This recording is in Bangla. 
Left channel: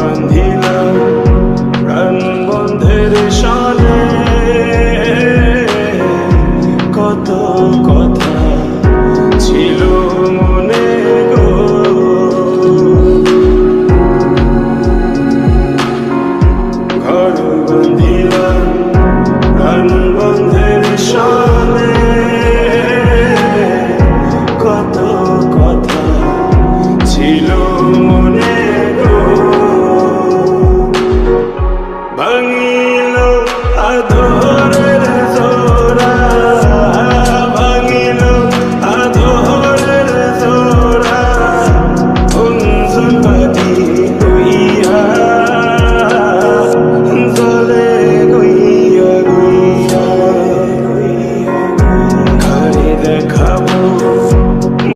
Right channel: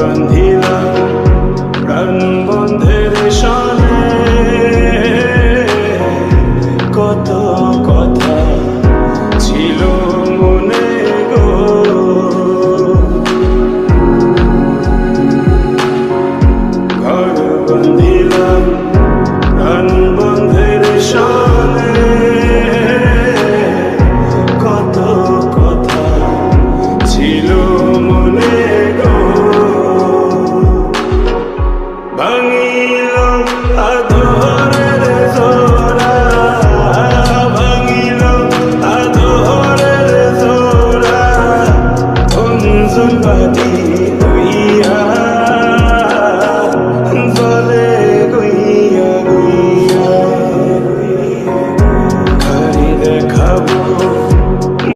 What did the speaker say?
বান্ধিলাম প্রাণ বন্ধের শানে, কত কথা ছিল মনে গো। ঘর বান্ধিলাম প্রাণ বন্ধের শানে, কত কথা